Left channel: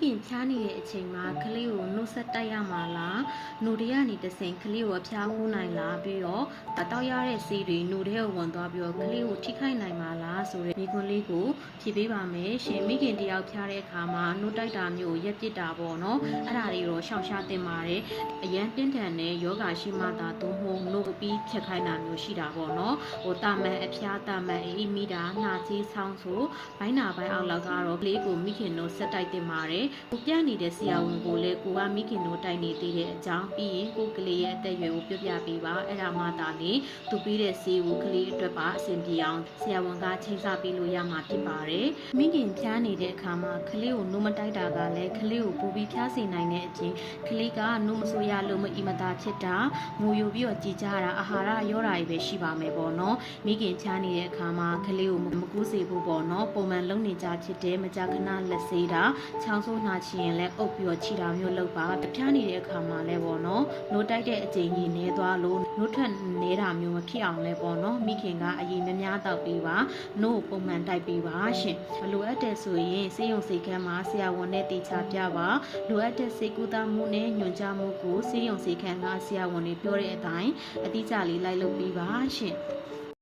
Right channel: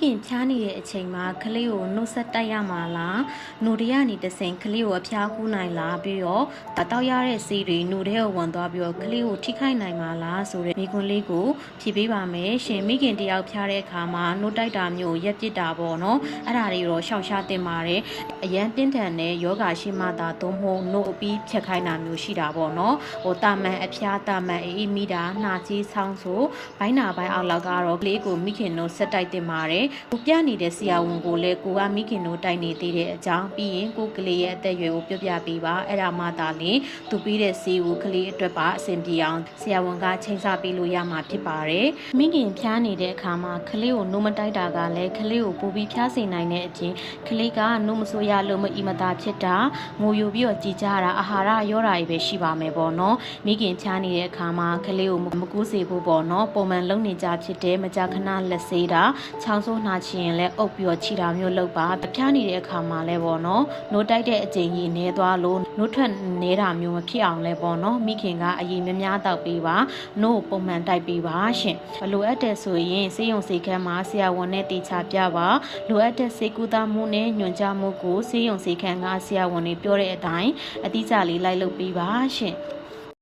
ခင်ဖြားနေတဲ့အချိန်မှာကလေးကိုနှုတ်ဆက်တိုက်ရမှာလားနှုတ်ရကနေတဆင်ကလေးကိုအဖျားဦးနိုင်လားပြီးတော့တတောက်ရတဲ့စီးတွေနှုတ်ထဲကိုဝင်သွားပြီးတော့ကလေးကိုထိခိုက်နိုင်မှာလားဆိုတဲ့မိကွန်းလေးကိုဖြေပေးပါမယ်ရှင်မိခင်တယောက်ဖြားတဲ့အခါမှာနှုတ်တိုက်တာမျိုးရက်ပစ်တာပေါ့နော်အဲ့ဒါတွေတော့ရှောင်ရှားတင်ပါတယ်အရန်ပြင်းထန်တဲ့ယောဂရှိမှသာသုံးဖို့နှုတ်အပြီးဖြတ်ခိုင်းတာမျိုးရှိတာပေါ့နော်ဟိုတာမန်အဖျားတာမန်အေးမိတာနှာကြီးဆောင်းဆိုဘိုင်းနာဘိုင်းအောက်လောက်ကတော့ကလေးကိုမိခင်တို့ဆက်တိုက်တင်ပါတယ်ကိုပြနေတဲ့ဆရာဝန်ကိုလည်းကိုကမိခင်တို့တိုက်နေသေးတဲ့အကြောင်းပြီးရင်ကိုကလေးရဲ့အသက်အရွယ်ကိုပြပြပေးပါအဲ့ဒါမှသာလေသူပြီးတဲ့ဆေးကိုကလေးအတွက်ပါအဆင်ပြေအောင်ဆရာဝန်ကချိန်ဆပေးလို့ရမှာဖြစ်ပါတယ်မိခင်ဖျားနေတဲ့အခါမှာကလေးကိုနှုတ်မတိုက်တာကလည်းကလေးကိုပူပြီးဖျားစေနိုင်တဲ့အချင်းကလေးကနှုတ်မဆိုးရလို့မအီမသာဖြစ်တာငိုယိုပြီးတော့ကြည်ကြတာအာဟာရရောတာတွေပဲရှိပါမယ်ပေါ့နော်မိခင်ဖျားနေတဲ့အခါမှာကလေးကိုမကူးစေဖို့ပေါ့နော်ပုံမှန်လုံနေကြဖြစ်တဲ့မကြာခဏလက်ဆေးတာချောင်းဆိုးနှာချီရင်လည်းအုပ်ပြီးတော့ခြိတာမျိုးလုပ်ပါဖျားနေတဲ့အခါမှာလည်းပေါ့နော်နှုတ်တိုက်တဲ့အချိန်ကြီးနေသွားလို့နှုတ်ထွက်နေတာမျိုးမဖြစ်အောင်လဲပေါ့နော်မိခင်ကအရင်များများတောက်ပေးပါနှုတ်ပုံမှန်တိုက်ပေးပါရှင်ဘလိုအပ်တဲ့ဆိုရင်စေယုံစေခန်းမှာဆရာဝန်နဲ့တေချာပြပါလိုအပ်တဲ့စေကူတာမှုနဲ့ညွှန်ကြားမှုကိုစေယုံစေခန်းကဆရာဝန်တွေပြောတဲ့အတိုင်းအတိအကျလေးလိုက်လုပ်ပေးပါရှင်